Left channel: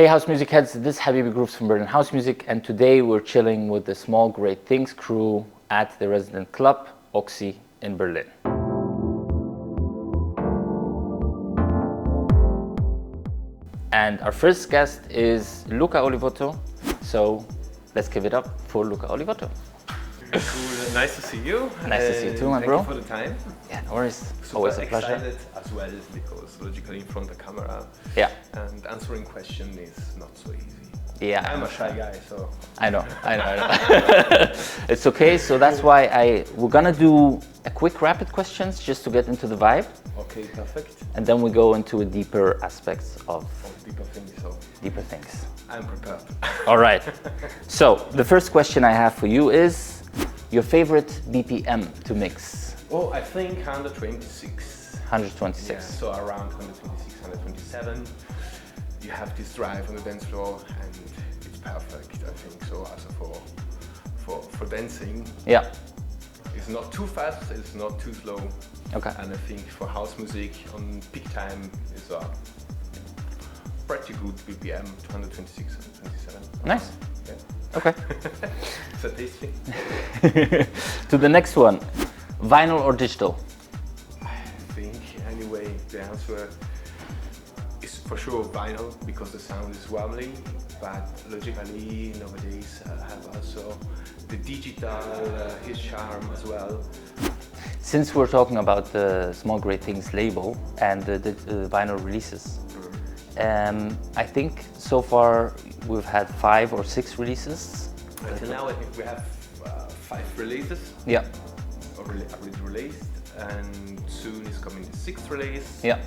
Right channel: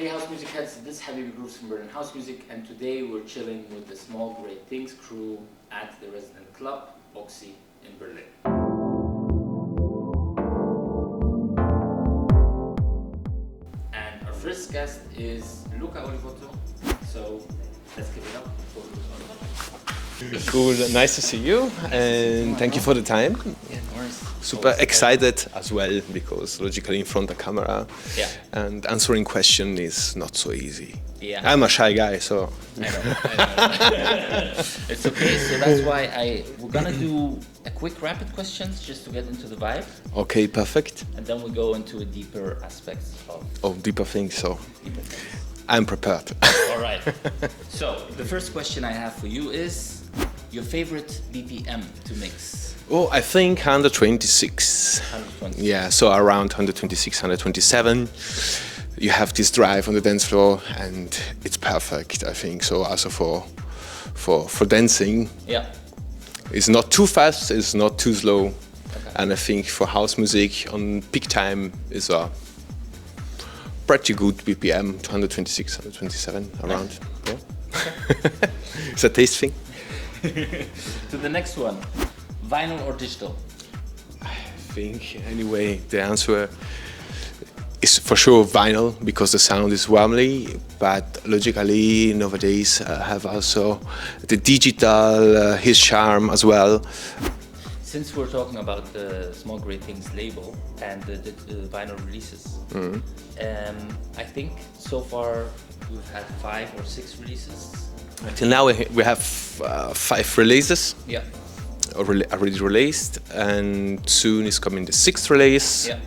Hey House Music heads, this is Habibi Groups from Berlin House Music, and today we're chilling with the Small Great Things crew at the resident club, Oxy, in Berlin. And our first guest is Luca Olivotto, so let's give it up for Luca Olivotto. Cool, nice to see you. Nice to see you too, my Thank bro. you for the time. Yeah, no worries. Super excited as well, because logically in front of the camera and answering question is not so easy. Yeah. I'm a shy guy, so. I know. It's okay, so that's why we're gonna do a quick rapid questions just to get into the vibe. Okay, perfect. And then we go into a deeper aspects of Deeper things, so. deeper things. I'm prepared. All right. So the first question I have for you is your favorite BPM to mix. Oh, I think 126. 120. Yeah, so around 126, 127. You have this drive on the dance floor, and it's perfect, I think. So also for dancing. Yeah. It's not too fast, it's not too slow. Okay. And I think for house music on peak time is a pretty good BPM, 126, 127 around. Nice. Yeah. Okay. It's a taste thing. To the next one, vinyl or digital? I think anyway the answer is for sure vinyl, because the sound is warmly, but logically nowadays have also the digital his charm as well. Since we're talking about the Small Great Things label and the vinyl releases, I think so far we've had 5 or 6 releases. Till now we have 5 releases. Yeah. Already released, and soon is coming the 6th release. Yeah.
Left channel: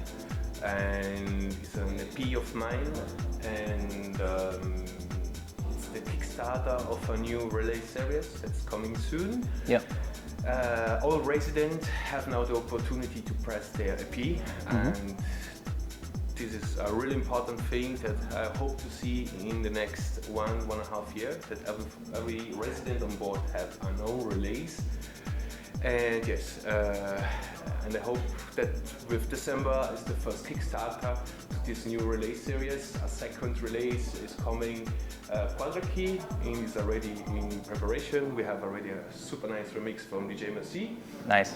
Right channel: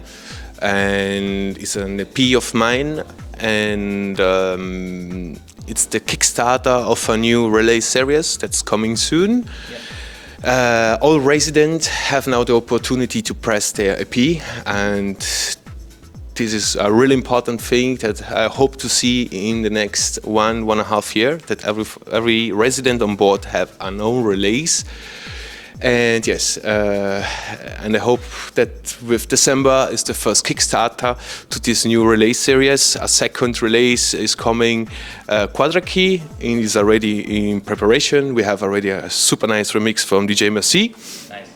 And it's an EP of mine, and it's the Kickstarter of a new release series that's coming soon. Yeah. All residents have now the opportunity to press their EP, and this is a really important thing that I hope to see in the next 1.5 years, that every resident on board have an own release. And yes, and I hope that with December is the first Kickstarter to this new release series. A second release is coming, Quadrakey, and is already in preparation. We have already a super nice remix from DJ Merci. Nice.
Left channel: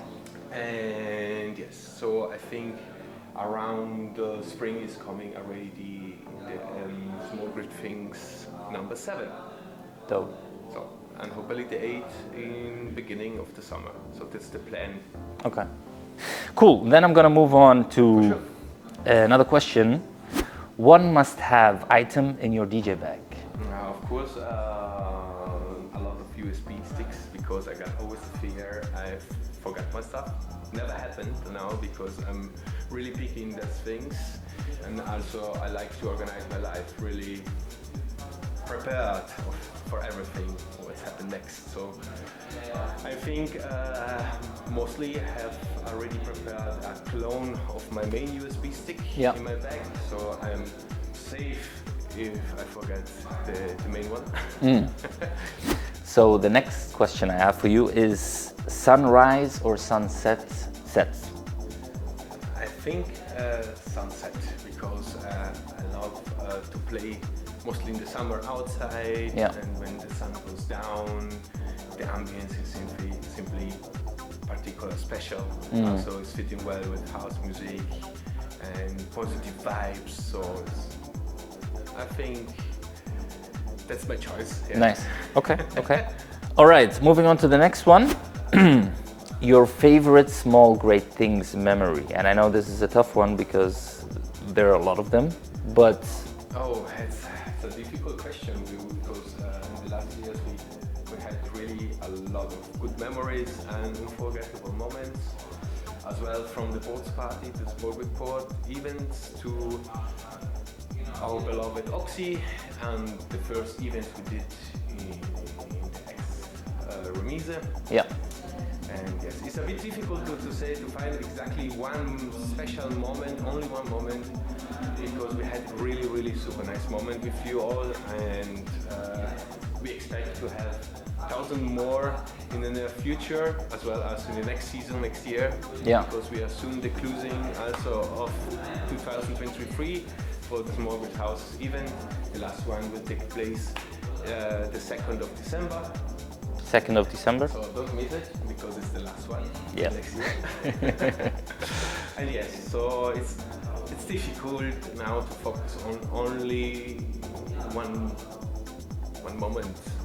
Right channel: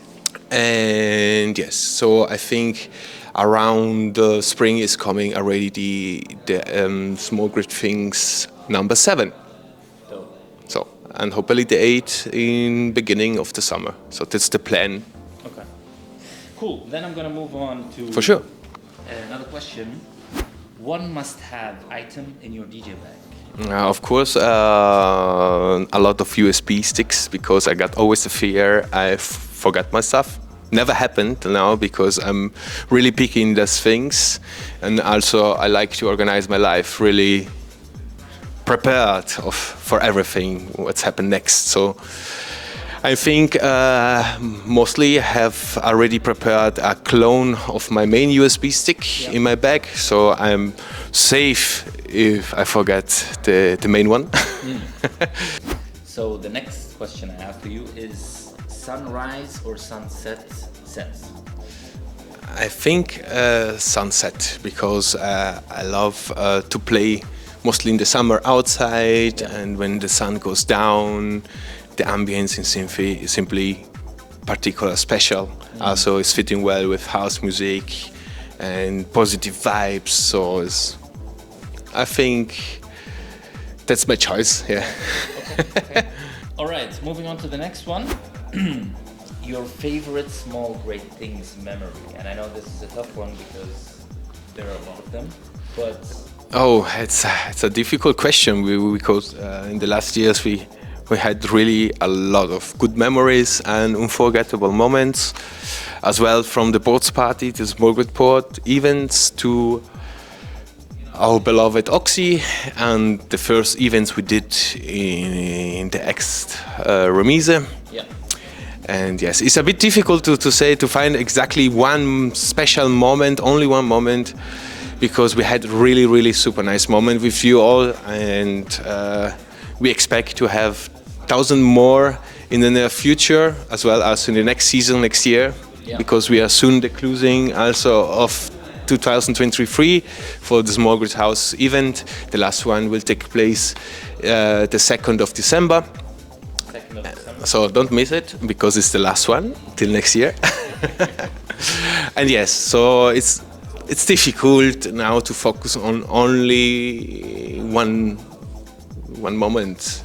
And yes, so I think around spring is coming already the Small Great Things number 7. Dope. So, and hopefully the 8 in beginning of the summer. So that's the plan. Okay. Cool. Then I'm gonna move on to For sure. Another question. One must-have item in your DJ bag. Of course, a lot of USB sticks, because I got always the fear I forgot my stuff. Never happened now, because I'm really picking those things, and also I like to organize my life really prepared for everything what's happened next. So I think mostly I have already prepared a clone of my main USB stick in my bag, so I'm safe if I forget the main one. So the next question I have for you is sunrise or sunset sets? I think sunset, because I love to play mostly in the summer outside, and when the sun goes down, the ambience is simply particular special. Also, it's fitting well with house music and positive vibes. So I think that's my choice. Yeah. Nice. Okay. Okay. All right. Moving on to the next one. Your favorite Small Great Things memory, and I know this is a tough one because there are a lot of them, but oh, it's a difficult question, because in the last years we had really a lot of good memories and unforgettable moments, as well, from the boards party to Small Great Port events to our beloved Oxy and the first events we did in the ex-remise. Yeah. And yes, it's a bit difficult to find exactly one special moment, only one moment, because we had really super nice moment with you all, and we expect to have 1,000 more in the near future, as well as in the next season, next year, because we are soon the closing also of 2023 for the Small Grid House event. The last one will take place the 2nd of December. 2nd of December. So don't miss it because it's the last one till next year. And yes, so it's difficult now to focus on only one moment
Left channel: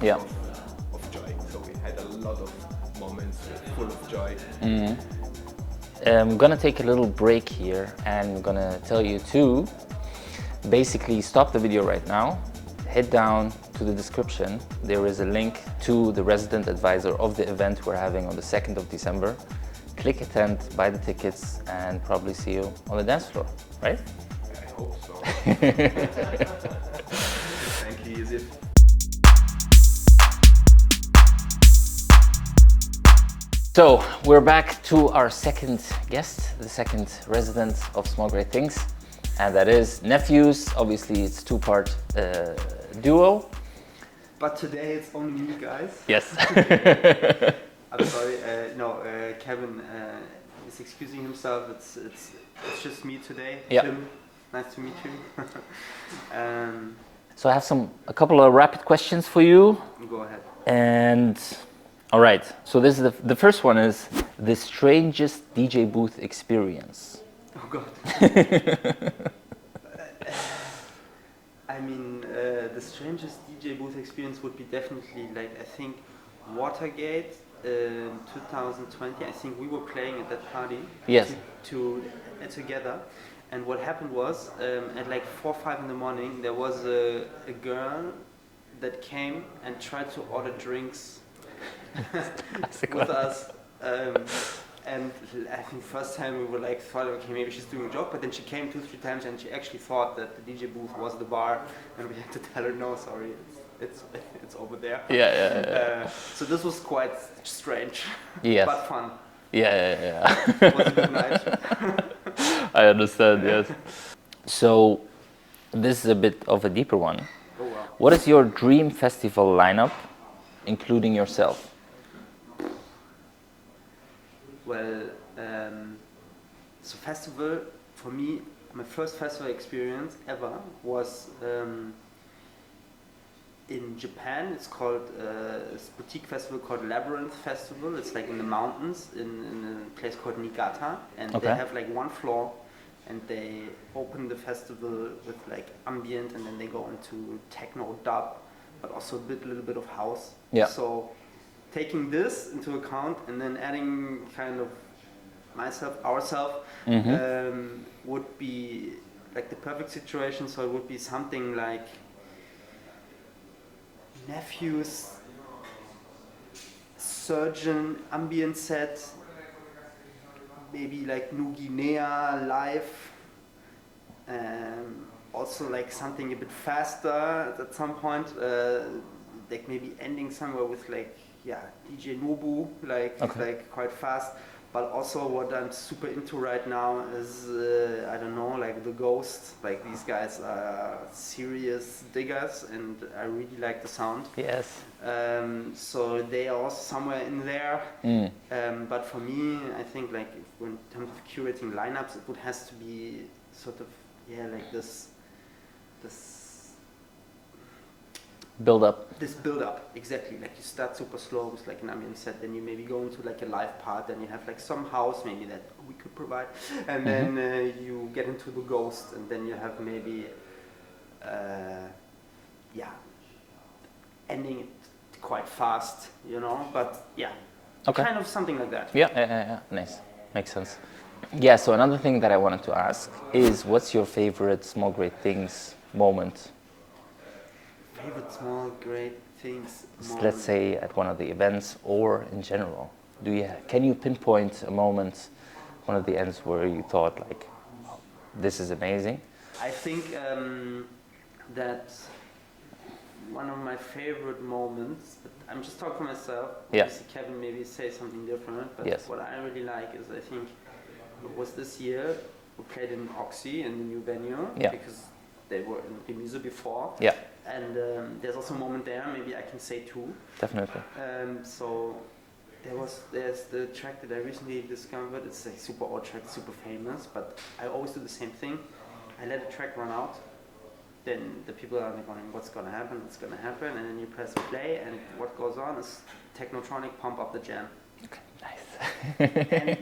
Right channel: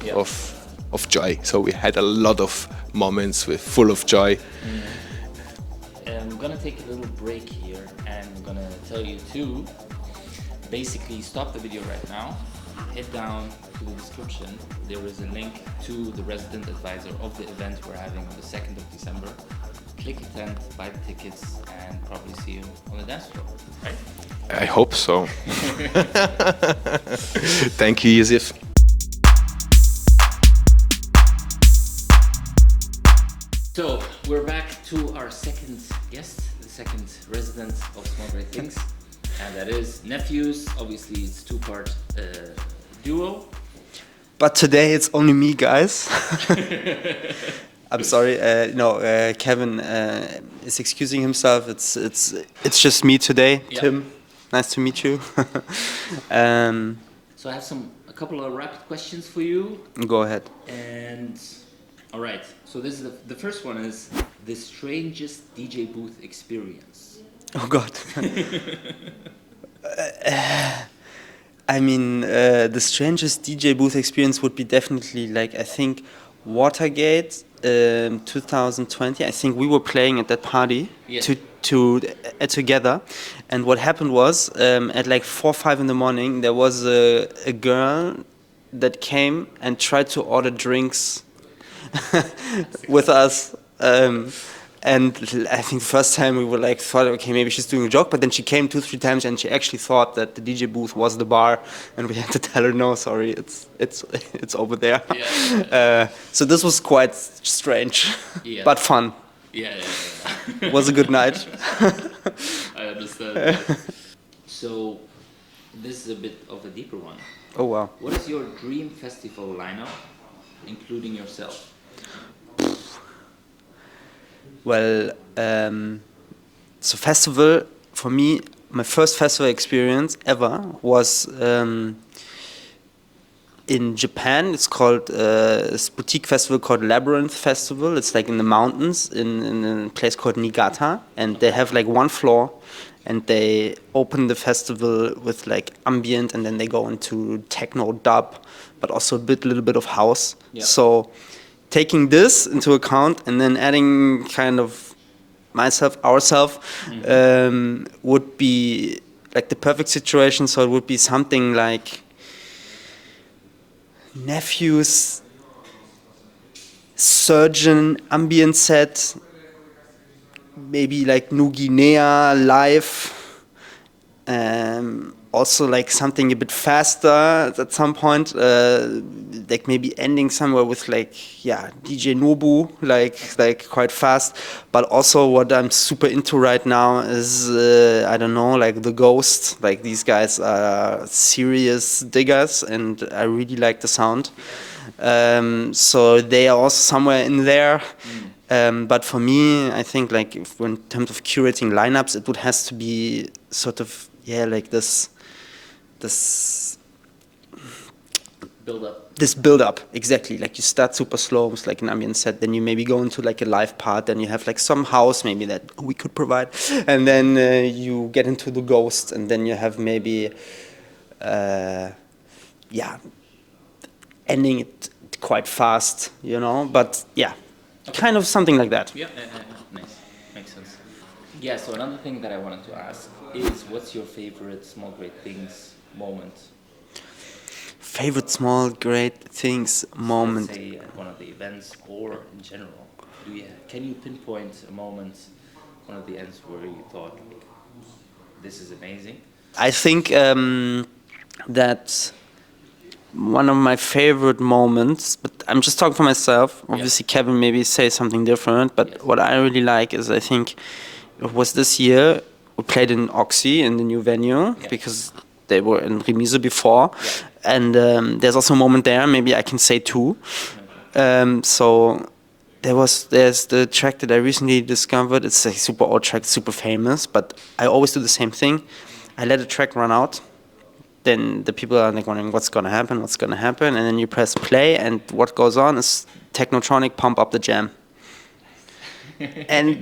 of joy. So we had a lot of moments full of joy. We're gonna take a little break here, and we're gonna tell you to basically stop the video right now, head down to the description. There is a link to the resident advisor of the event we're having on the 2nd of December. Click attend, buy the tickets, and probably see you on the dance floor, right? I hope so. Thank you, Yusuf. So we're back to our second guest, the second resident of Small Great Things, and that is Nephews. Obviously, it's two-part duo. But today it's only me, guys. Yes. I'm sorry. Kevin is excusing himself. It's just me today. Yeah. Tim, nice to meet you. So I have a couple of rapid questions for you. Go ahead. And all right. So this is the first one is the strangest DJ booth experience. Oh God. I mean, the strangest DJ booth experience would be definitely like, I think, Watergate 2020. I think we were playing at that party together. And what happened was, at like 4 or 5 in the morning, there was a girl that came and tried to order drinks with us. And I think first time we were like thought, okay, maybe she's doing a joke, but then she came 2-3 times and she actually thought that the DJ booth was the bar, and we had to tell her, no, sorry, it's over there. So this was quite strange, but fun. Yeah. It was a good night. I understand. Yes. So this is a bit of a deeper one. Oh wow! What is your dream festival lineup, including yourself? Well, so festival, for me, my first festival experience ever was in Japan. It's called a boutique festival called Labyrinth Festival. It's like in the mountains in a place called Niigata. And they have like one floor, and they open the festival with like ambient, and then they go into techno dub, but also a little bit of house. Yeah. So taking this into account and then adding kind of ourselves, would be like the perfect situation. So it would be something like Nephews, Surgeon, ambient set, maybe like New Guinea live, also like something a bit faster at some point, like maybe ending somewhere with like DJ Nobu, like quite fast. But also what I'm super into right now is I don't know, like the Ghost. Like these guys are serious diggers, and I really like the sound. Yes. So they are also somewhere in there. But for me, I think like in terms of curating lineups, it would has to be sort of like this build up. This build up, exactly. Like you start super slow with like an ambient set, then you maybe go into like a live part, then you have like some house maybe that we could provide, and then you get into the Ghost, and then you have maybe ending it quite fast, you know, but kind of something like that. Nice, makes sense. Yeah, so another thing that I wanted to ask is, what's your favorite Small Great Things moment? Favorite Small Great Things moment? Let's say at one of the events or in general. Can you pinpoint a moment, one of the ends where you thought like, this is amazing? I think that one of my favorite moments, but I'm just talking for myself. Obviously, Kevin maybe say something different, but what I really like is, I think it was this year, we played in Oxy in the new venue, because they were in Remise before. And there's also a moment there, maybe I can say two. Definitely. So there's the track that I recently discovered. It's a super old track, super famous, but I always do the same thing. I let a track run out, then the people are like wondering what's gonna happen, and then you press play, and what goes on is Technotronic Pump Up the Jam. And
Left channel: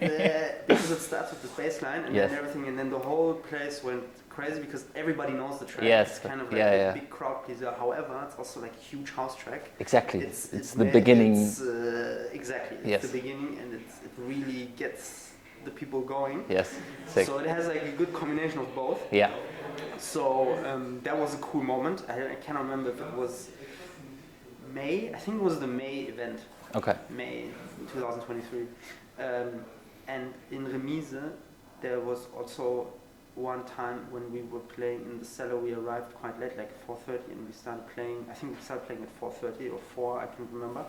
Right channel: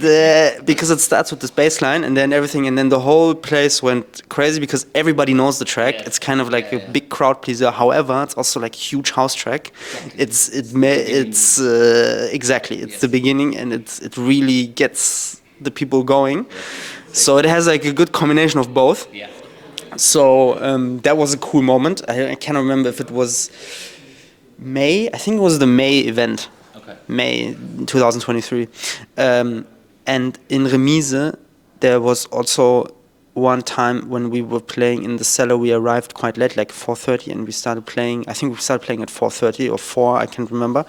because it starts with this bass line and then everything, and then the whole place went crazy because everybody knows the track. Yes. It's kind of like a big crowd pleaser. However, it's also like a huge house track. Exactly. It's Yes. the beginning, and it really gets the people going. Yes. So it has like a good combination of both. Yeah. So that was a cool moment. I cannot remember if it was May. I think it was the May event. Okay. May 2023. And in Remise, there was also one time when we were playing in the cellar. We arrived quite late, like 4:30, and we started playing. I think we started playing at 4:30 or 4, I can't remember.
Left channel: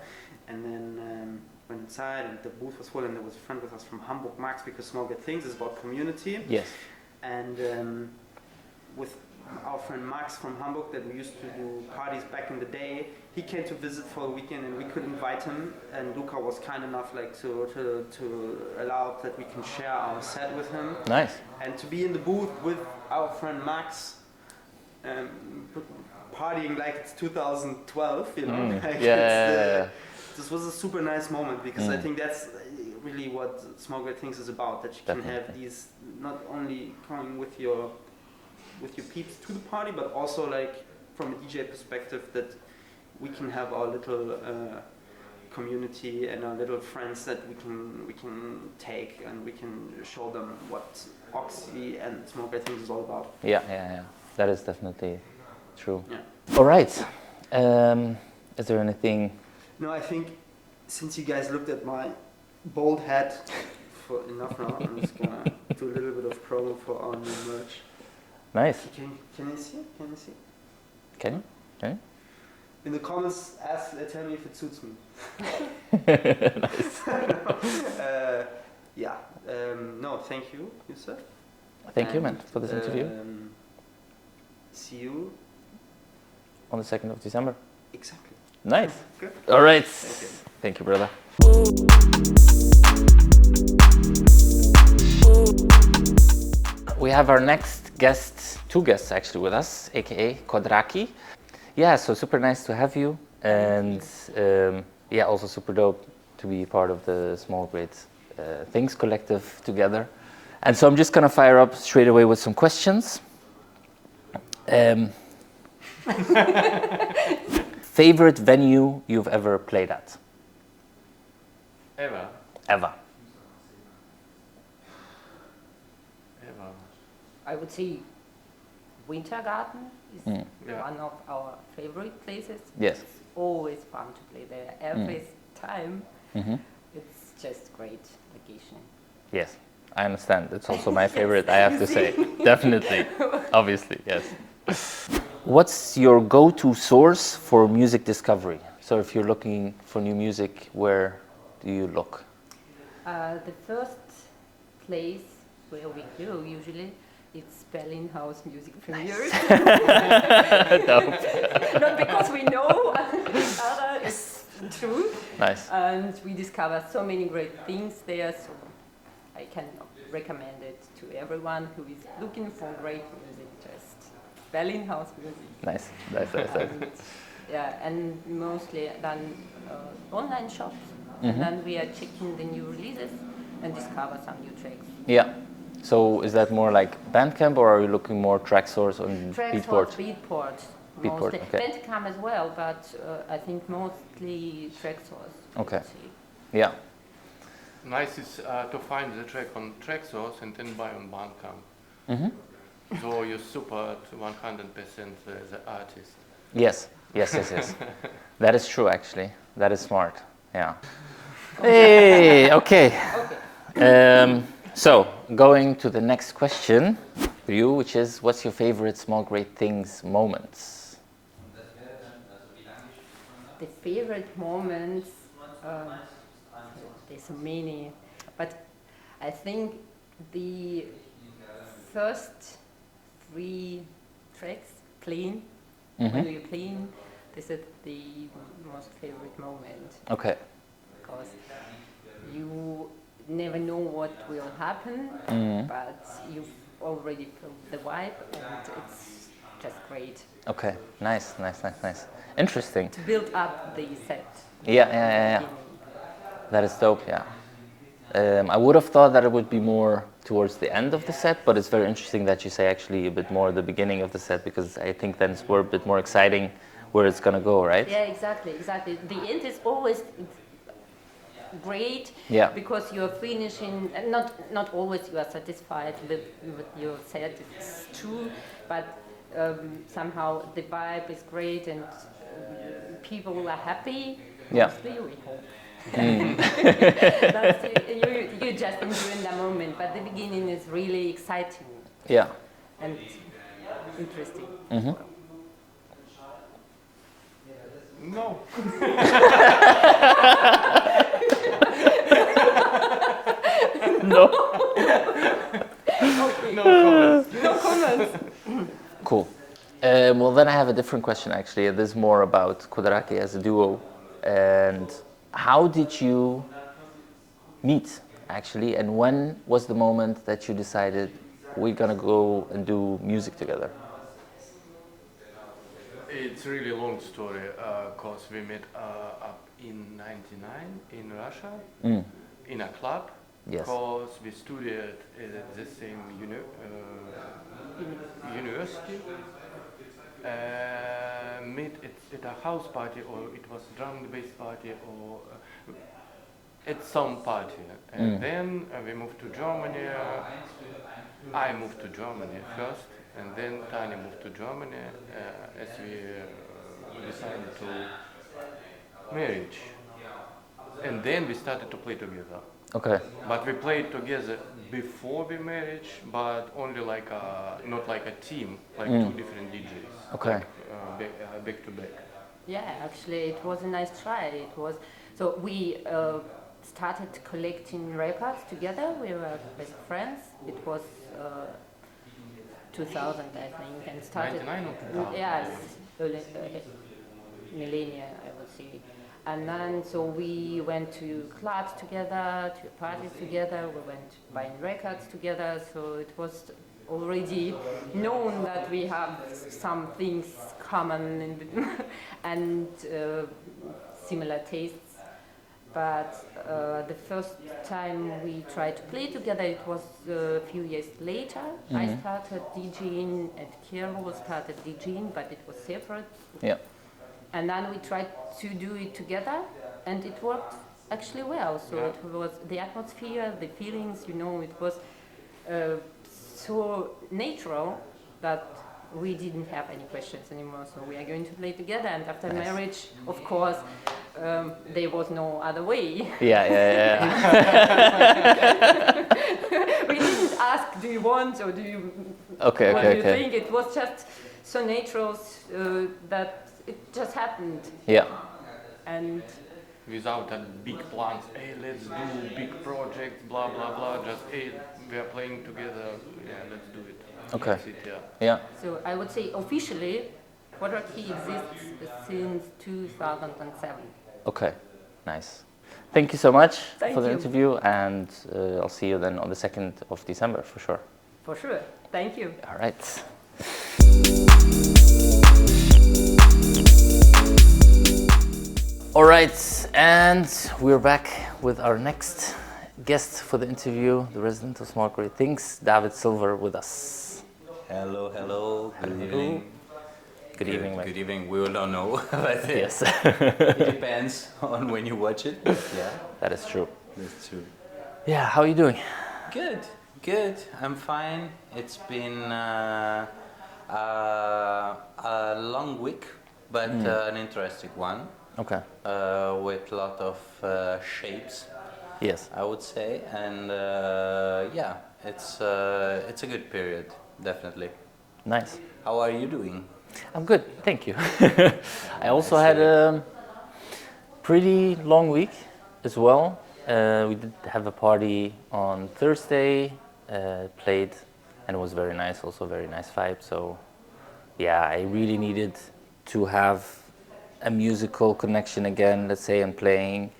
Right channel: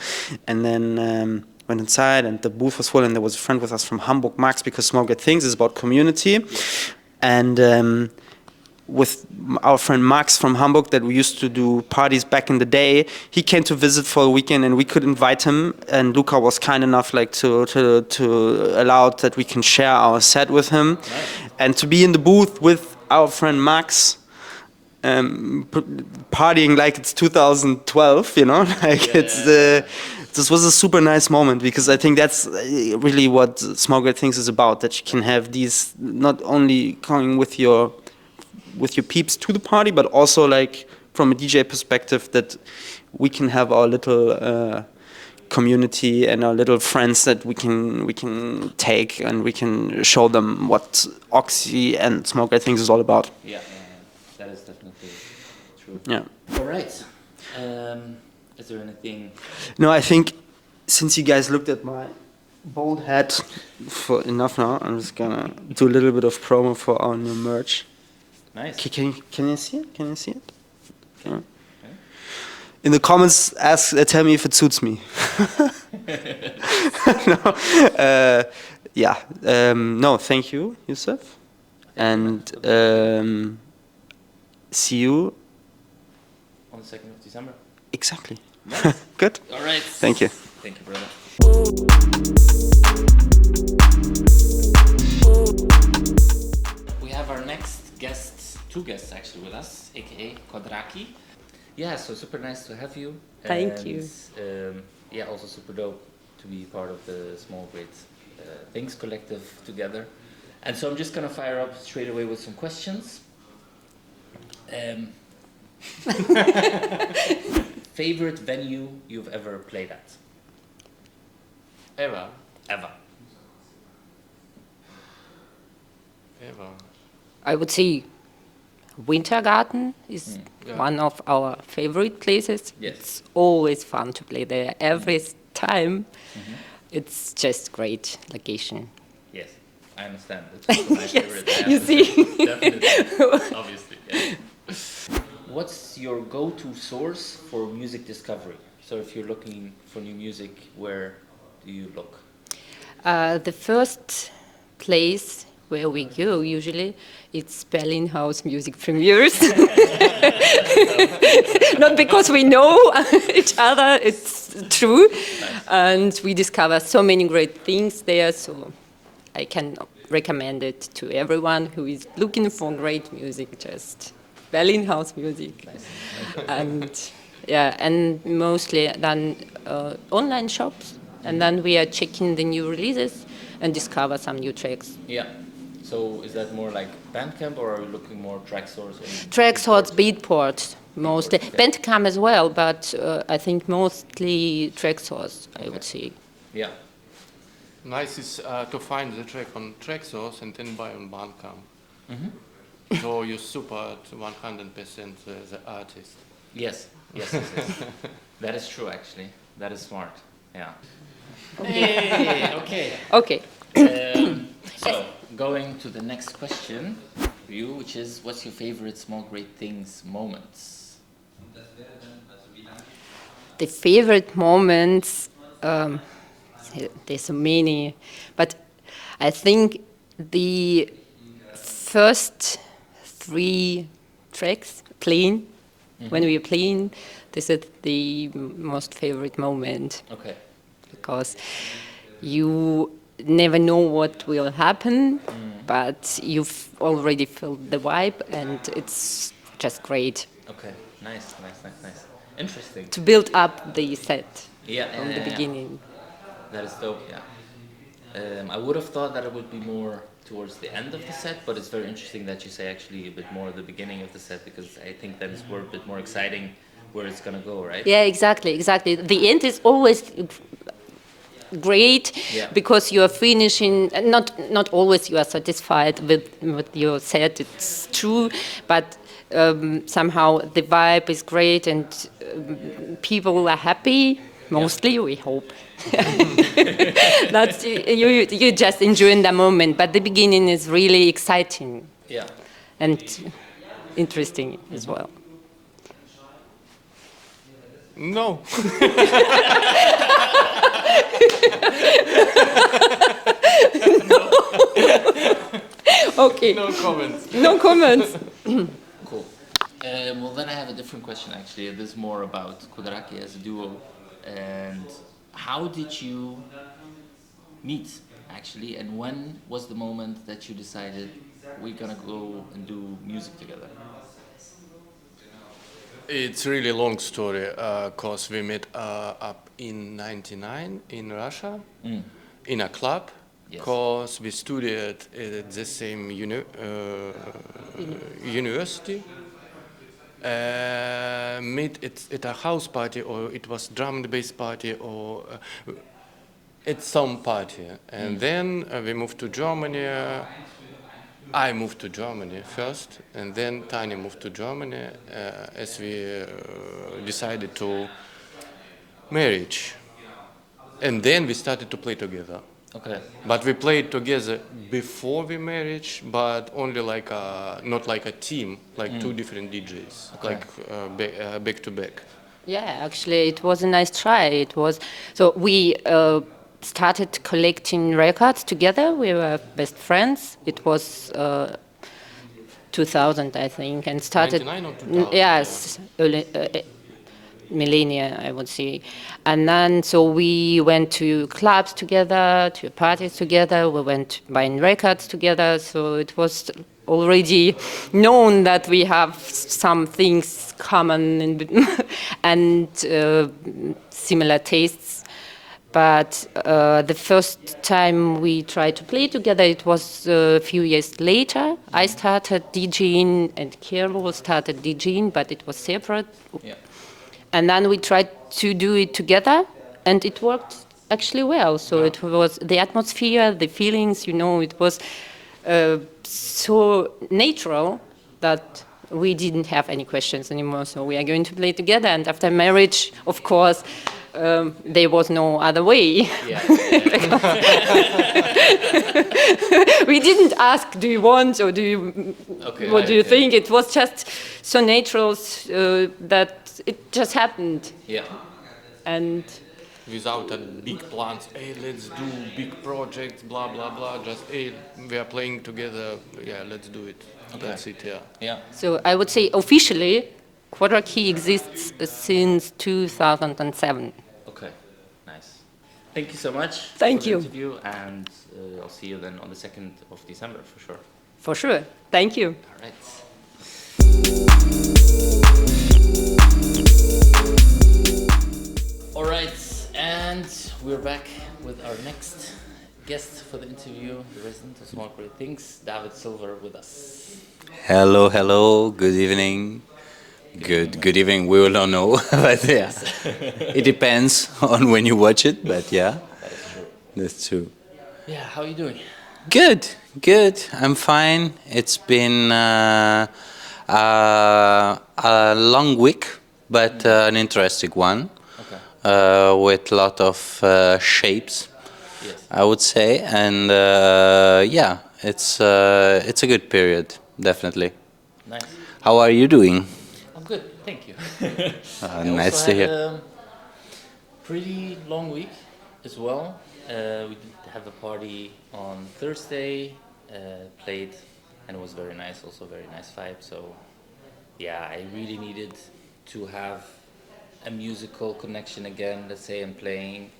And then went inside, and the booth was full, and there was a friend with us from Hamburg, Max, because Small Great Things is about community. Yes. And with our friend Max from Hamburg, that we used to do parties back in the day, he came to visit for a weekend, and we could invite him, and Luca was kind enough like to allow that we can share our set with him. Nice. And to be in the booth with our friend Max, partying like it's 2012, you know, like this was a super nice moment, because I think that's really what Small Great Things is about, that you can have these, not only coming with your peeps to the party, but also like from a DJ perspective, that we can have our little community and our little friends that we can take, and we can show them what Oxy and Small Great Things is all about. Yeah. That is definitely true. Yeah. All right. Is there anything? No, I think since you guys looked at my bald head for enough now, I'm just gonna do a little bit of promo for our new merch. Nice. Can you see it? Can you see it? Okay. Okay. In the comments, tell me if it suits me. No, thank you, Yusuf. Thank you, see you on the 2nd of December. Exactly. Nice. Good. All right. Thank you. Thank you, brother. We have our next guest, 2 guests actually with us, aka Quadrakey. Yeah, so super nice to have you. Thank you. Yeah, also super dope to be part of the Small Great Things collective together. And so I'm just gonna fire up straight away with some questions. Favorite venue you've ever played at? Ever. I would say Wintergarten is one of our favorite places. Yes. It's always fun to play there every time. It's just great location. Yes, I understand. It's also my Yes, favorite, I have you to see. say. Definitely. Obviously, yes. What's your go-to source for music discovery? So if you're looking for new music, where do you look? The first place where we go usually, it's Berlin House Music Premieres. Not because we know each other, it's true. Nice. And we discover so many great things there, so I can recommend it to everyone who is looking for great music, just Berlin House Music. Nice. And mostly then online shops, and then we are checking the new releases and discover some new tracks. Yeah. So is that more like Bandcamp, or are you looking more Traxsource or Traxsource, Beatport, mostly. okay. Bandcamp as well, but I think mostly Traxsource, I would say. Yeah. Nice is to find the track on Traxsource and then buy on Bandcamp. So you support 100% the artist. Yes. That is true, actually. That is smart. Yeah. Hey, okay. Okay. So, going to the next question for you, which is, what's your favorite Small Great Things moments? The favorite moments, there's so many, but I think the first 3 tracks playing, when we are playing, this is the most favorite moment. Okay. because you never know what will happen, but you've already felt the vibe, and it's just great Okay, nice. Interesting. to build up the set Yeah, from yeah, the yeah. beginning. That is dope, yeah. I would have thought that it would be more towards the end of the set, but it's very interesting that you say actually a bit more at the beginning of the set, because I think then it's a bit more exciting where it's gonna go, right? Yeah, exactly. The end is always great Yeah. because you are finishing. Not always you are satisfied with your set. It's true, but somehow the vibe is great and people are happy. Mostly, we hope. That's you just enjoying the moment, but the beginning is really exciting Yeah. and interesting as well. No. Okay. No comments. No comments. Cool. Well, then I have a different question actually. This is more about Quadrakey as a duo. And how did you meet actually? And when was the moment that you decided we're gonna go and do music together? It's really a long story, cause we met up in '99 in Russia, in a club, Yes. cause we studied at the same university. Meet at a house party, or it was drum and bass party, or at some party. And then we moved to Germany. I moved to Germany first, and then Tanya moved to Germany as we decided to marriage. And then we started to play together. Okay. But we played together before we marriage, but only like not like a team, like two different DJs, Okay. like back to back. Yeah, actually, it was a nice try. It was so we started collecting records together. We were best friends. It was 2000, I think, and started. 99 or 2000? Yes, early, millennia, I would say. And then so we went to clubs together, to parties together. We went buying records together. So it was already known that we have some things common and similar tastes. But the first time we tried to play together, it was a few years later. I started DJing and Carlo started DJing, but it was separate. Yeah. And then we tried to do it together, and it worked actually well. So it was the atmosphere, the feelings, it was so natural that we didn't have any questions anymore. So we are going to play together. And after marriage, of course, there was no other way. Yeah. We didn't ask, do you want, or do you, what do you think? It was just so natural that it just happened. Yeah. And Without a big plans, hey, let's do big projects, blah blah blah. Just hey, we are playing together. Yeah, let's do it. Okay. That's it. Yeah. Yeah. so I would say officially, Quadrakey exists since 2007. Okay. Nice. Thank you so much Thank for the you. interview, and I'll see you then on the 2nd of December for sure. For sure. Thank you. All right. All right, and we're back with our next guest for the interview, the resident of Small Great Things, David Silver, with us. Hello, good evening. Good evening, we will not know, but Yes, it depends on when you watch it, but yeah, that is true. that's true. Yeah, how are you doing? Good, I'm fine. It's been a long week, but an interesting one, Okay. with a lot of shapes, Yes. I would say, and yeah, it's a good period, definitely. Nice. How are you doing? I'm good, thank you. I also nice to had hear. a pretty long week as well. We did have a party on Thursday, played, and it was very nice, also very nice vibe. So yeah, I really needed to have a musical connection again, let's say, and playing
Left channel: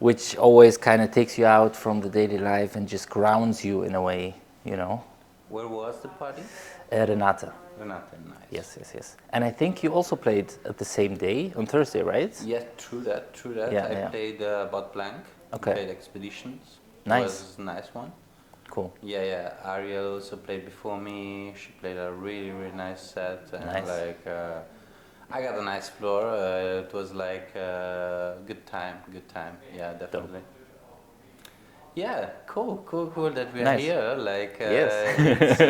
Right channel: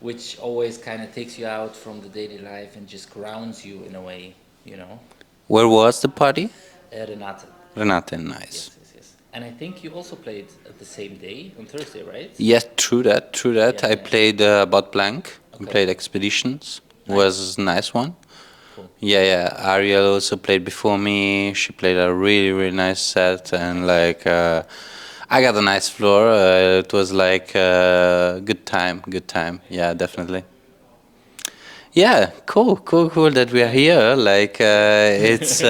which always kind of takes you out from the daily life and just grounds you in a way, you know. Where was the party? Renata. Renate, nice. Yes, yes, yes. And I think you also played at the same day on Thursday, right? Yes, true that, true that. Yeah, I yeah. played Bot Blank, Okay. played Expeditions, Nice. was a nice one. Cool. Yeah, yeah. Ariel also played before me. She played a really, really nice set, and like I got a nice floor. It was like good time, good time. Yeah, definitely. Yeah, cool, cool, cool that we are Nice. here. Like Yes.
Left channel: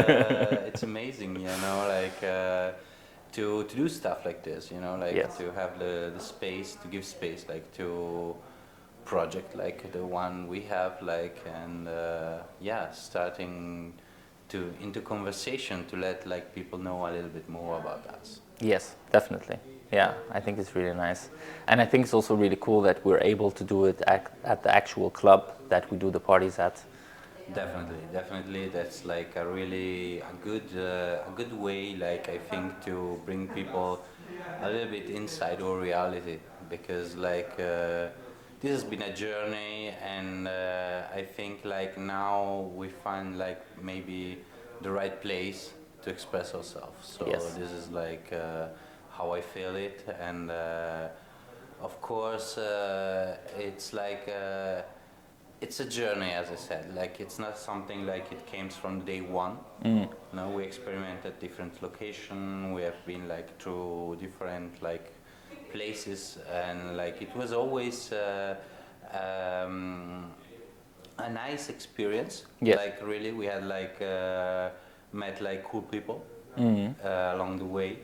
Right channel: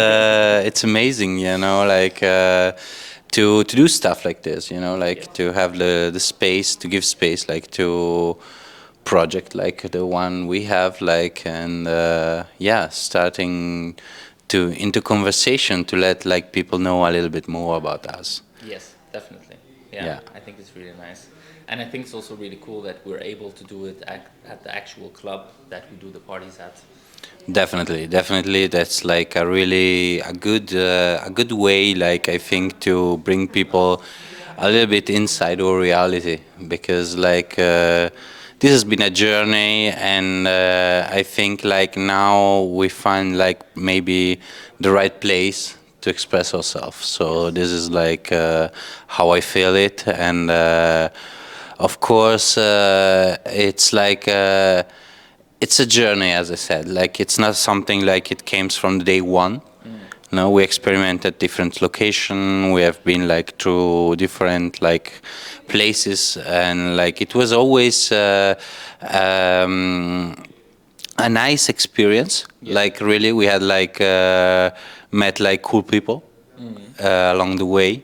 it's amazing, you know, like to do stuff like this, you know, like Yes. to have the space, to give space, like to project like the one we have, like, and yeah, starting to into conversation to let like people know a little bit more about us. Yes, definitely. Yeah, Yeah. I think it's really nice. And I think it's also really cool that we're able to do it at the actual club that we do the parties at. Definitely, definitely. That's like a really a good way, like I think, to bring people a little bit inside our reality, because like this has been a journey, and I think like now we find like maybe the right place to express ourselves. So this is like how I feel it, and of course it's like. It's a journey, as I said. Like it's not something like it came from day one. No, we experimented different location. We have been like through different like places, and like it was always a nice experience. Yeah. Like really, we had like met like cool people along the way.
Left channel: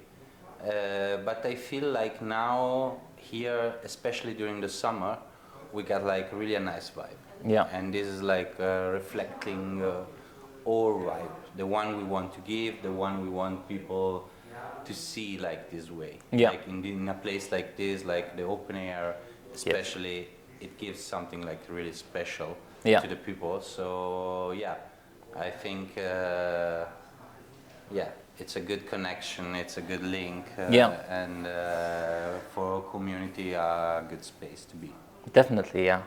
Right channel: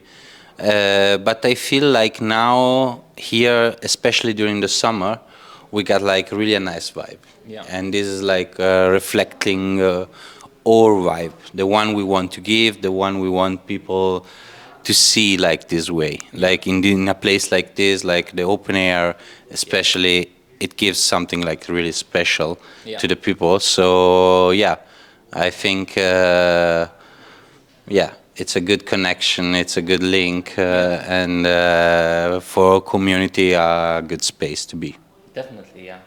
But I feel like now here, especially during the summer, we got like really a nice vibe. Yeah. And this is like reflecting our vibe, the one we want to give, the one we want people to see like this way. Yeah. Like in a place like this, like the open air, especially, it gives something like really special Yeah. to the people. So yeah, I think yeah, it's a good connection, it's a good link, Yeah. and for our community, a good space to be. Definitely, yeah.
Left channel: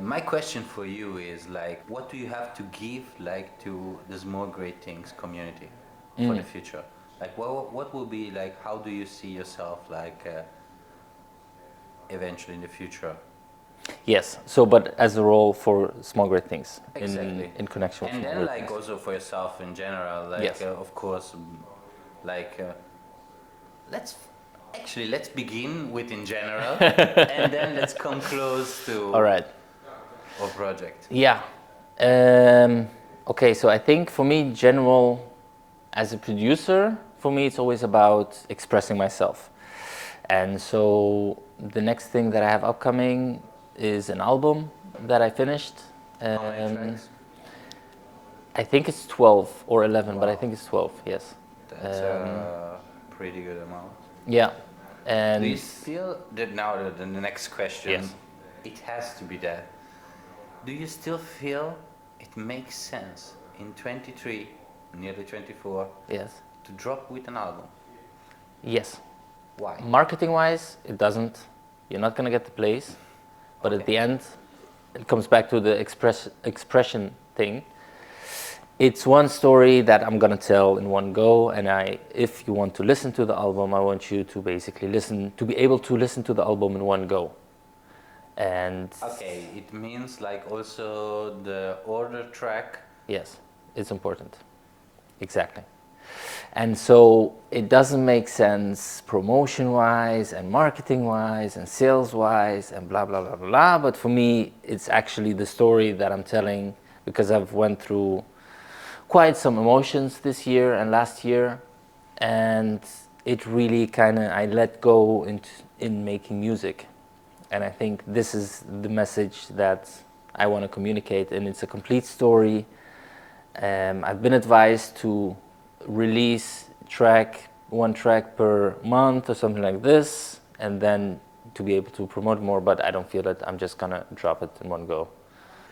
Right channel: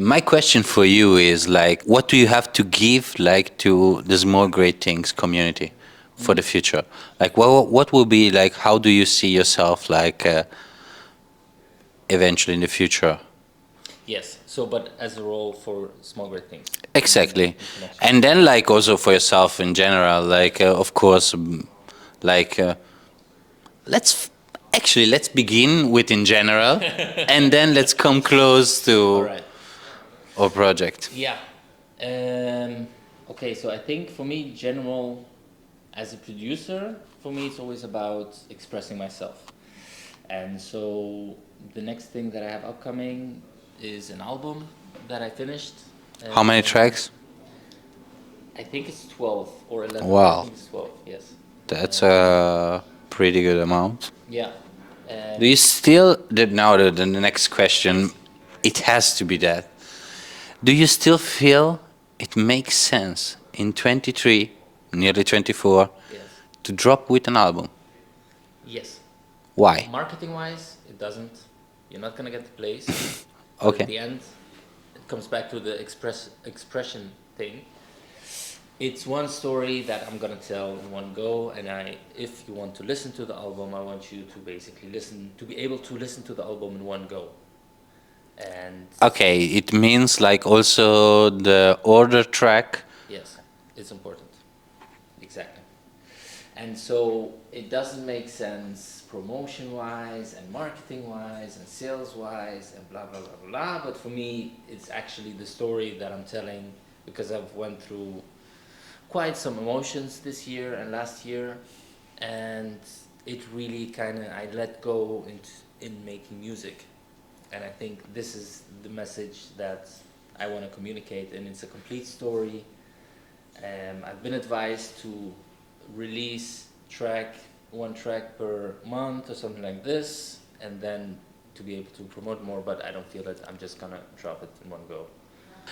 My question for you is like, what do you have to give like to the Small Great Things community for the future? Like, what will be like? How do you see yourself like eventually in the future? Yes. So, but as a role for Small Great Things. Exactly. In connection. And then like also for yourself in general, like of course, like let's begin with in general, and then let's come close to All right. our project. Yeah. Okay, so I think for me, general, as a producer, for me, it's always about expressing myself. And so the next thing that I have upcoming is an album that I finished. How many And tracks? I think it's 12 or 11. But Wow. I think it's 12, yes. That's a pretty good amount. Yeah. And Do you still, now the next question, Yes. it has to be that. Do you still feel it makes sense in 23, nearly 24, yes. to drop with an album? Yes. Why? Marketing wise, it doesn't. You're not going to get the plays. But Okay. at the end, it comes back to the expression thing. It's one story that I'm going to tell in one go. And if you want to listen to the album, I want you to basically be able to listen to the album in one go. And Okay, it means like also the order track. yes, it's important. Exactly. And so it doesn't make sense promotion-wise and marketing-wise and sales-wise and blah, blah, blah, blah. But for me, it's actually the story that I'm telling, because I've went through quite some emotions this year and last year. And it really kind of, I let go in making music. And I think this is the message that I want to communicate. And it's a complete story. I've been advised to release one track per month or something like this, and then to be able to promote more, but I don't feel that I'm just gonna drop it in one go.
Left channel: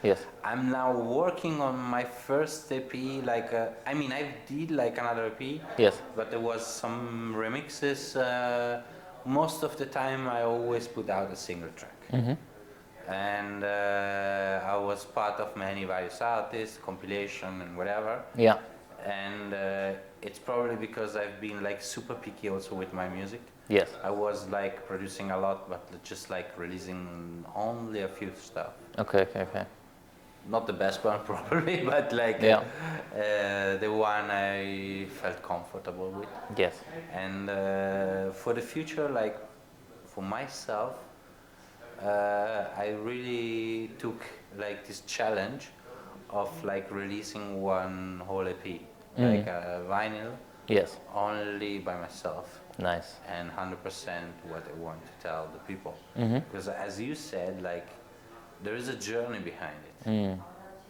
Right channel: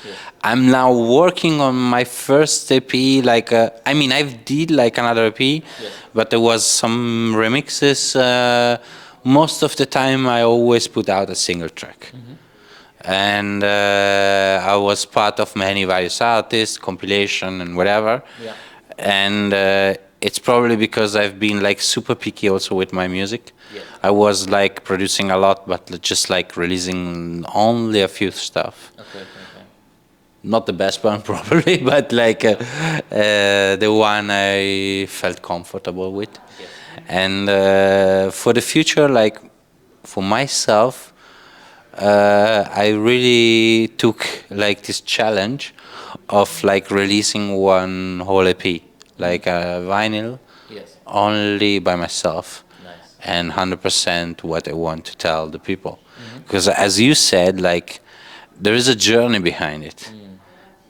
Yes. I'm now working on my first EP, like, I mean, I've did like another EP, Yes. but there was some remixes. Most of the time I always put out a single track. and I was part of many various artists, compilation and whatever. Yeah. And it's probably because I've been like super picky also with my music. Yeah. I was like producing a lot, but just like releasing only a few stuff. Okay. Not the best one probably, but like the one I felt comfortable with. Yes. And for the future, like for myself, I really took like this challenge of like releasing one whole EP, like a vinyl, Yes. only by myself. Nice. And 100% what I want to tell the people. Because as you said, like there is a journey behind it.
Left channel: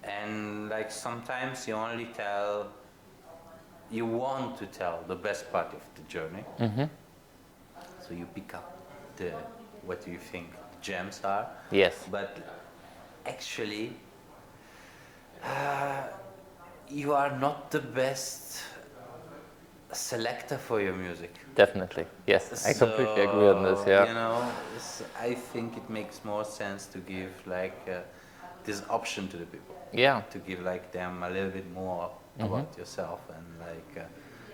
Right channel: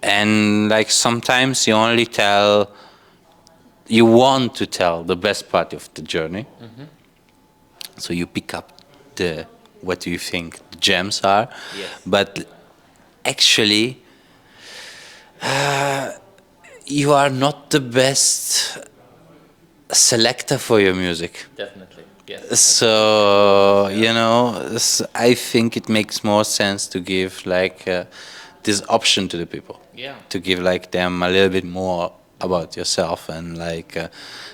And like sometimes you only tell, you want to tell the best part of the journey. So you pick up the, what do you think the gems are. Yes. But actually, you are not the best selector for your music. Definitely. Yes. I So, completely agree with this, you know, I think it makes more sense to give like this option to the people. Yeah. To give like them a little bit more about yourself and like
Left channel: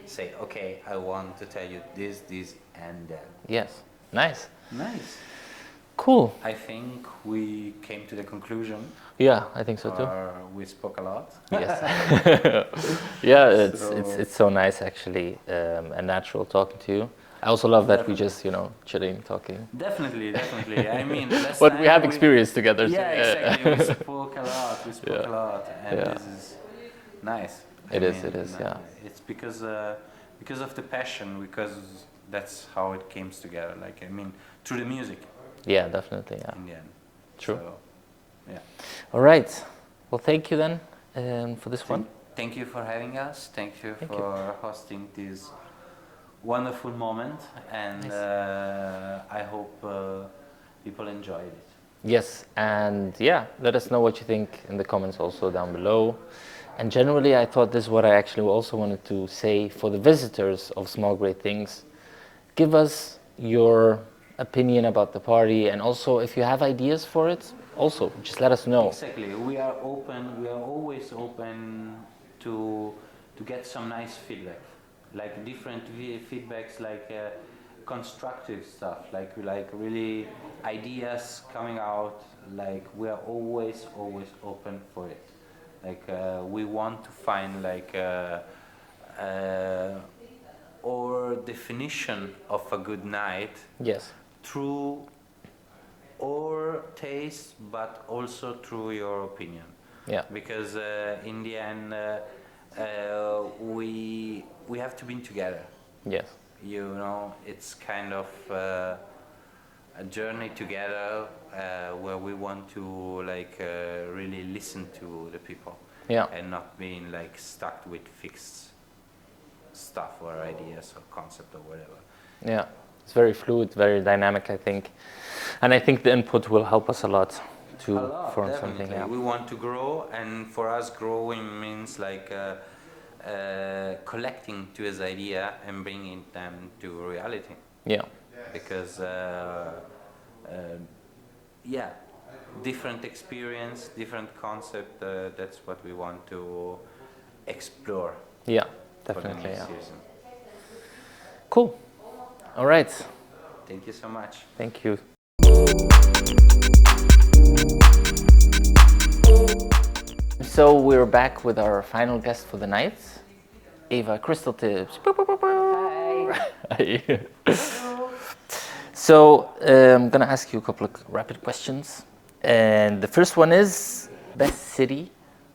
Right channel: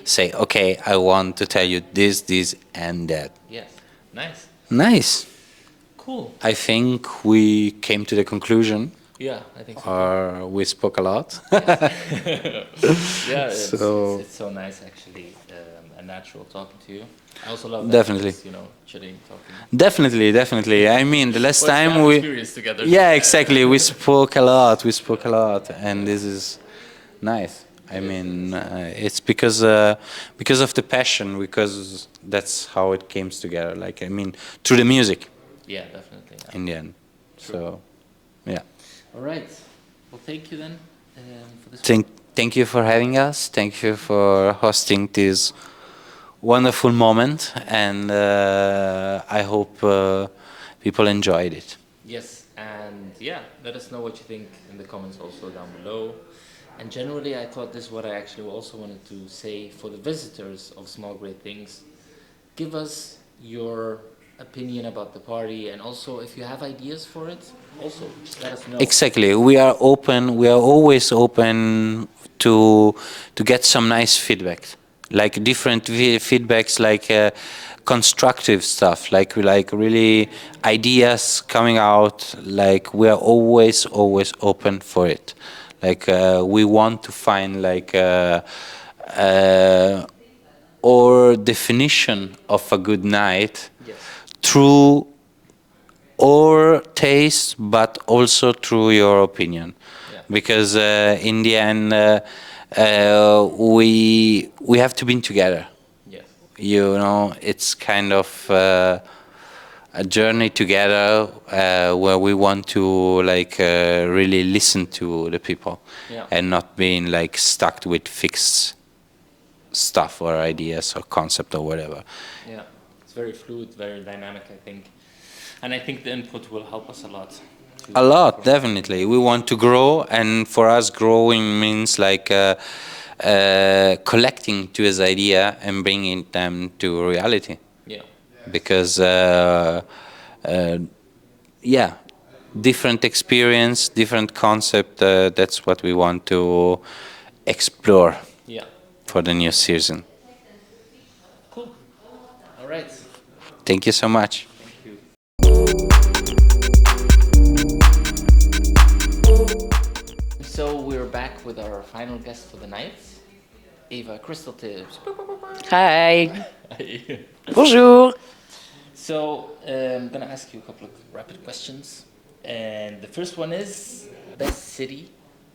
say, okay, I want to tell you this, this, and that. Yes. Nice. Nice. Cool. I think we came to the conclusion, Yeah, I think so too. or we spoke a lot. Yeah, So- it's so nice actually, and natural talking to you. I also love that Definitely. just, you know, chilling, talking. Definitely, definitely. I mean, the last Well, we time have we, experience together. yeah, exactly. We spoke a lot. We spoke a lot, and Yeah. this is nice. I It is, mean, yeah. it's because of the passion, because that's how it came together. Like, I mean, through the music Yeah, definitely. Yeah. in the end. True. So, yeah. All right. Well, thank you then for this one. Thank you for having us. Thank you for hosting this wonderful moment, and I hope people enjoyed it. Yes, and yeah, let us know what you think in the comments also down below. And generally, I thought this is what I actually also wanted to say for the visitors of Small Great Things. Give us your opinion about the party, and also if you have ideas for it, also just let us know. Exactly. We are open. We are always open to get some nice feedback, like different feedbacks, like constructive stuff, like really ideas coming out. Like we are always open for it. Like we want to find like our definition of a good night Yes. through our taste, but also through your opinion. Yeah. Because in the end, we have to be together. Yes. You know, it's kind of a journey together where we want to like really listen to the people, Yeah. and not being like stuck with fixed stuff or ideas or concept or whatever. Yeah. It's very fluid, very dynamic, I think. And I think the input will help us a lot. To A lot, form definitely. something, We want to grow, and for us, growing means like collecting to this idea and bringing them to reality. Yeah. Because, yeah, different experience, different concept. That's what we want to explore Yeah. for the new definitely, yeah. season. Cool. All right. Thank you so much. Thank you. So we're back with our final guest for the night, Eva Crystaltips. Hi. Bonjour. So I'm gonna ask you a couple of rapid questions, and the first one is best city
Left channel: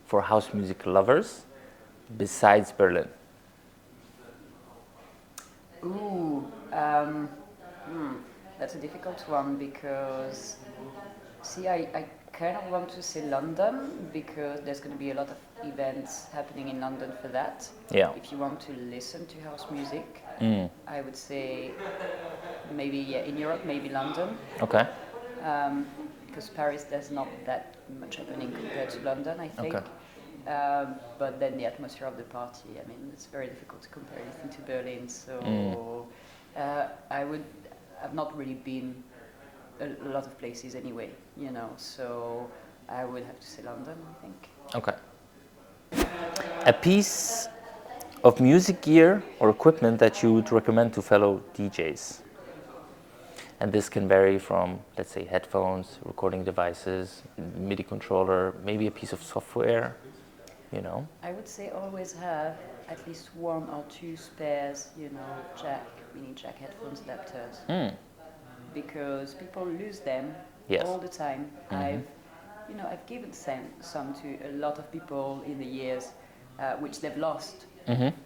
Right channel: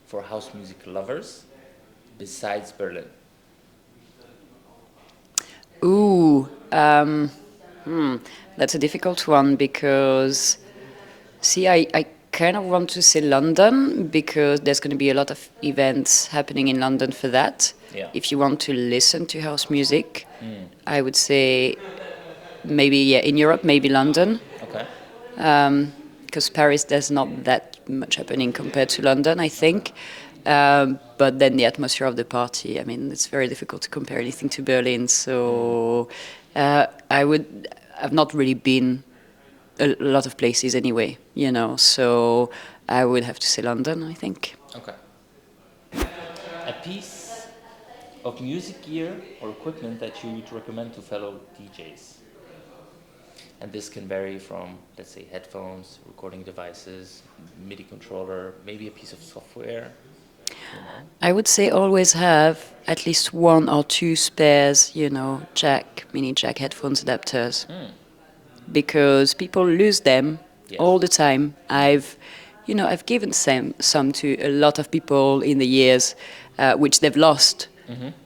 for house music lovers besides Berlin. Ooh, that's a difficult one because, see, I kind of want to say London because there's going to be a lot of events happening in London for that. Yeah. If you want to listen to house music, I would say maybe, yeah, in Europe, maybe London. Okay. Because Paris, there's not that much happening compared to London, I think. But then the atmosphere of the party, I mean, it's very difficult to compare anything to Berlin. So I've not really been a lot of places anyway, you know. So I would have to say London, I think. Okay. A piece of music gear or equipment that you would recommend to fellow DJs? And this can vary from, let's say, headphones, recording devices, MIDI controller, maybe a piece of software, you know? I would say always have at least 1 or 2 spares, you know, mini jack headphones adapters. Because people lose them Yes. all the time. I've given some to a lot of people in the years, which they've lost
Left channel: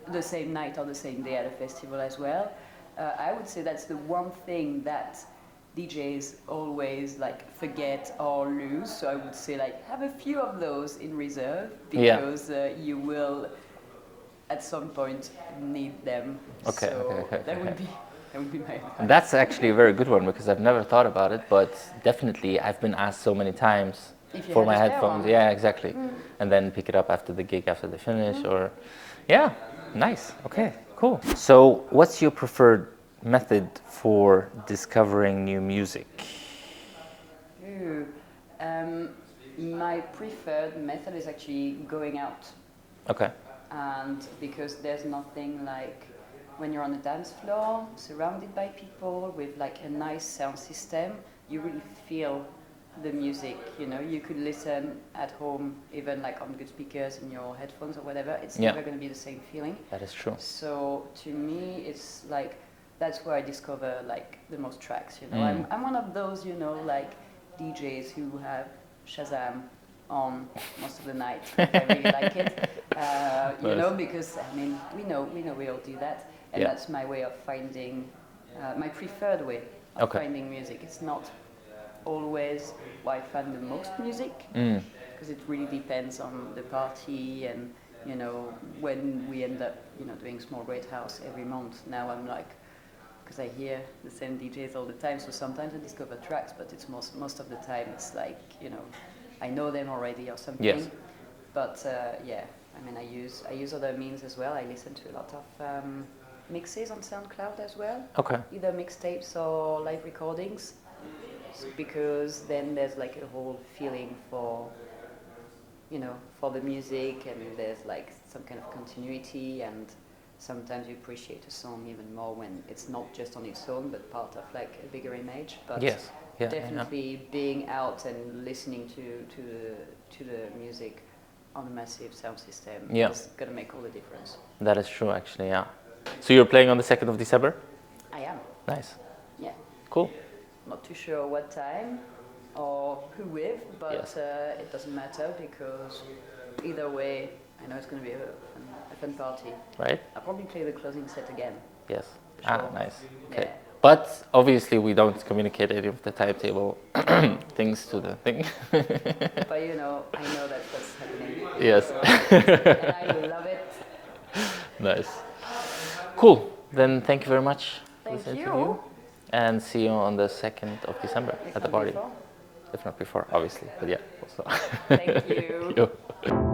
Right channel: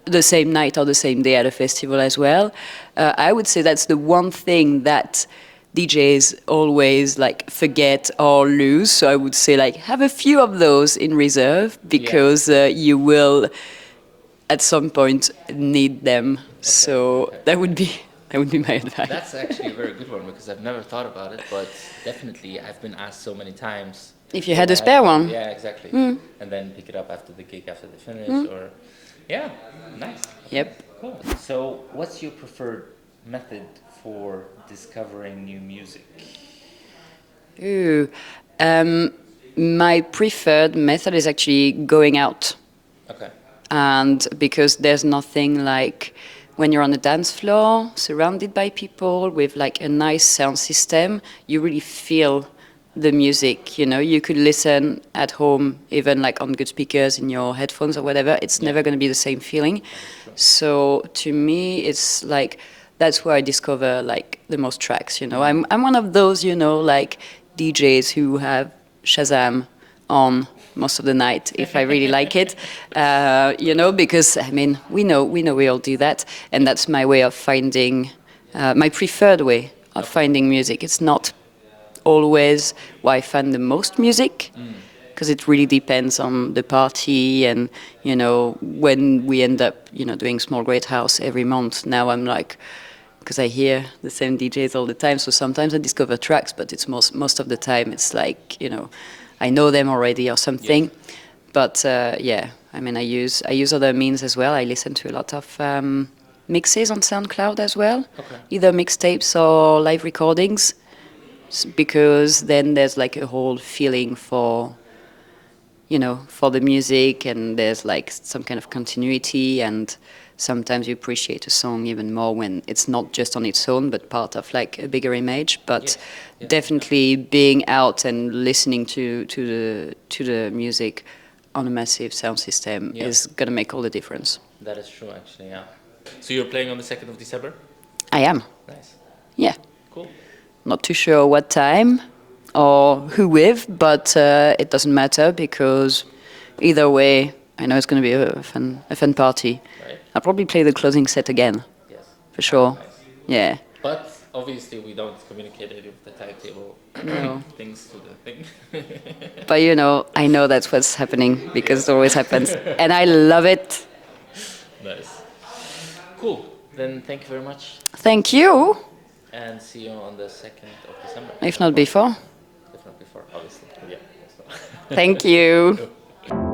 the same night or the same day at a festival as well. I would say that's the one thing that DJs always like forget or lose. So I would say like have a few of those in reserve because you will at some point need them. That would be my advice. That's actually a very good one because I've never thought about it, but definitely I've been asked so many times. If you for had my a spare headphones. one. Yeah, exactly. And then pick it up after the gig, after they finish, or yeah, nice. Okay, Yep. cool. So, what's your preferred method for discovering new music? Ooh, my preferred method is actually going out. Okay. And because there's nothing like when you're on the dance floor, surrounded by people with like a nice sound system, you really feel the music, you know. You could listen at home, even like on good speakers in your headphones or whatever. It's never going to be the same feeling. That is true. So to me, it's like that's where I discover like the most tracks. You know, I'm one of those, you know, like DJs who have Shazam on most of the night if I really like it, you know, because I mean we know we all do that, and that's my way of finding my preferred way of finding music. It's not always where I find the most music, because it really depends on the party, and you know when we end up, you know, doing Small Great House every month. Now I'm like, because I hear the same DJs all the time, so sometimes I discover tracks, but it's most of the time it's like, you know, I know them already or something. Yes. But yeah, I mean, I use other means as well. I listen to a lot of mixes on SoundCloud as well. Okay. Either mixtapes or live recordings, because then there's like a whole feeling for, you know, for the music, and there's like some kind of continuity, and sometimes you appreciate a song even more when it's not just on its own, but part of like a bigger image. But definitely being out and listening to the music on a massive sound system is gonna make all the difference. That is true, actually. Yeah. So you're playing on the 2nd of December? I am. Nice. Yeah. Cool. Not too sure what time or who with, but it doesn't matter, because either way, I know it's going to be a fun party. Right. I'll probably play the closing set again. Yes. For sure. Nice. Yeah. But obviously we don't communicate any of the timetable things to the thing. But you know, I know that's what's happening, because it always happens. And I love it. Nice. Cool. Then thank you very much. Thank you. And see you on the 2nd of December. If not before. If not before, obviously. But yeah. Also. Thank you. Yo.